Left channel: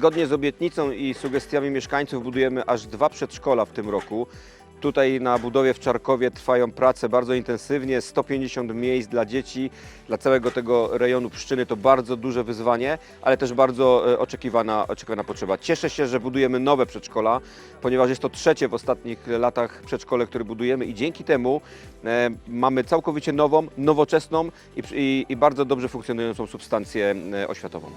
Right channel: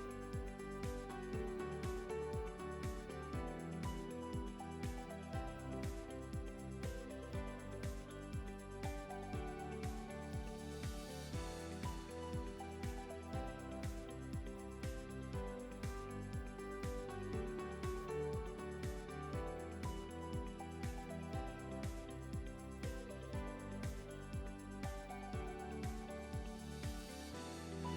Zgodnie z obietnicą i sugestiami mieszkańców budujemy aż dwa przedszkola w tym roku. Tutaj na budowie w Czarkowie trwają prace bardzo intensywnie, 150 miejsc dla dzieci, dla całego tego rejonu Pszczyny to bardzo duże wyzwanie, ale też bardzo e, oczekiwana, oczekiwana potrzeba. Cieszę się, że budujemy nowe przedszkola, ponieważ jest to trzecie w ostatnich latach przedszkole, które budujemy i dzięki temu e, mamy całkowicie nową, nowoczesną i, i, i bardzo dobrze funkcjonującą substancję e, oświatową.